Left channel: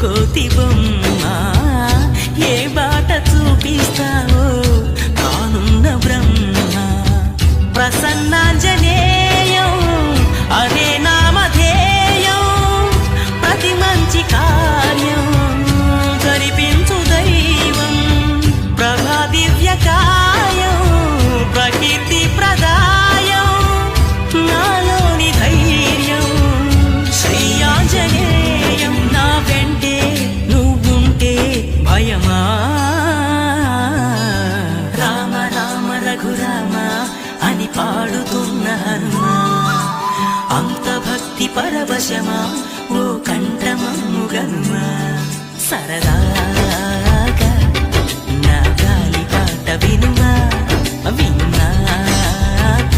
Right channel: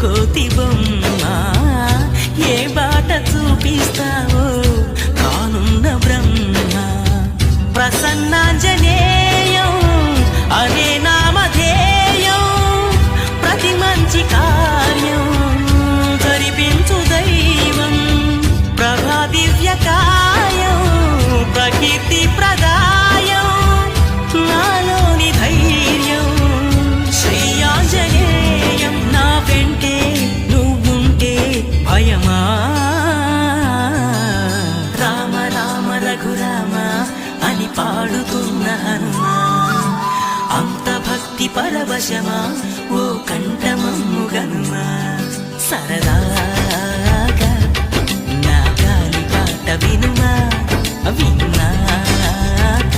కోతి బొమ్మ ఏ బాట చూపిస్తావో కానున్న బ్రహ్మ. ప్రసన్నాంజనేయం అనే నామధేయం ప్రతి మంచి కార్యం జరిపించు దైవం. ప్రభా దివ్యకాయం ప్రకీర్తి ప్రదాయం నాలోని ధైర్యం శ్రీ ఆంజనేయం. నా వెంటే నువ్వుంటే భయమా? రామ రామ రఘురామ అని పాడుతున్న హనుమా అంత భక్తి పరవశమా ఓ కంఠమమ్ము గనుమా. సరదాగా నా గాలి పాట వినుమా విన్నాక